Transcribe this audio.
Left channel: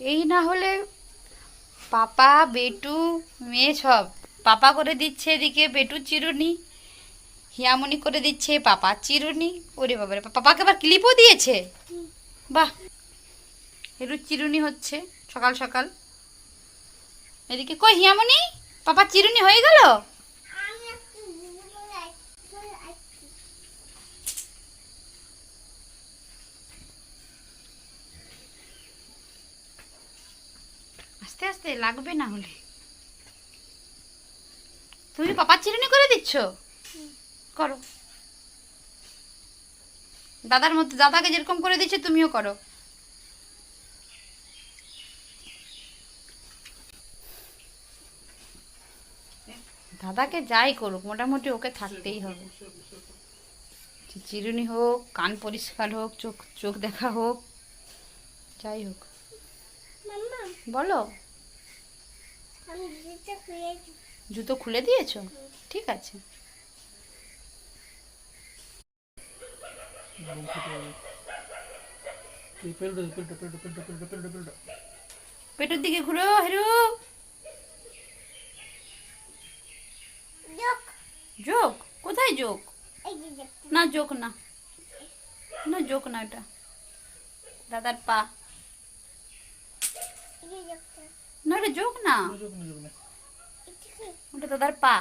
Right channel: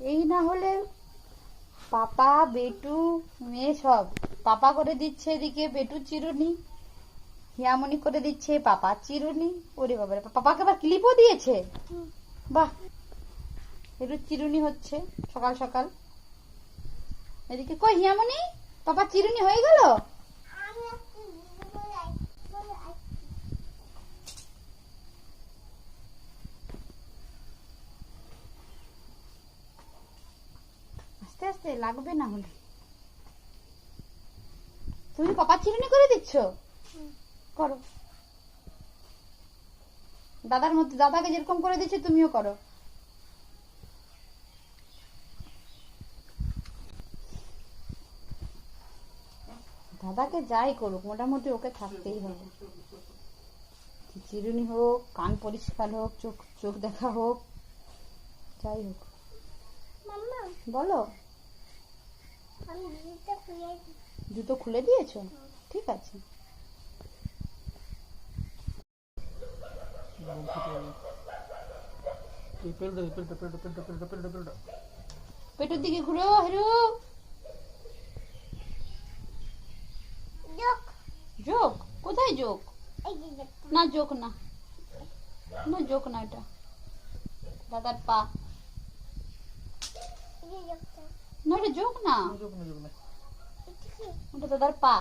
এই না হলে পাপা, বেটু, মেয়ে সব। পাপা করে দিচ্ছে এদিকে বেটু চিরুনি, হিয়ামনি করে দিচ্ছে পাপা চিরুনি। ওরে বাবারে, পাপাকে আবার ক্লিপও দিয়েছে? বাহ! একটু চিরুনি হচ্ছে, সকাল সকাল। এদিকে কই হিয়ামনি? পাপা চিরুনি হয়ে গেল? আস্তে আস্তে লাগবে না হলে। তুমি পাপা চিরুনি করে দিচ্ছ? করো। দাদার মধ্যে দাদাকে যেরকম করে দিচ্ছে তুমিও করো। দাদাকে যাই করুক মোটামুটি ওকে থাকতেই হবে। চিরুনি হোক কান পরিষ্কার হোক চোখ চোখ দেখা হোক যাই হোক। বলো। জুতো খুলে দিয়েছ? ঠিক আছে। পেটের দিকে ঘুরো হেরু। যোগ। কোথায় যোগ? না যোগ না। না যোগ না এটা। দাদার পা। যোগ না। ওটা দাদার পা।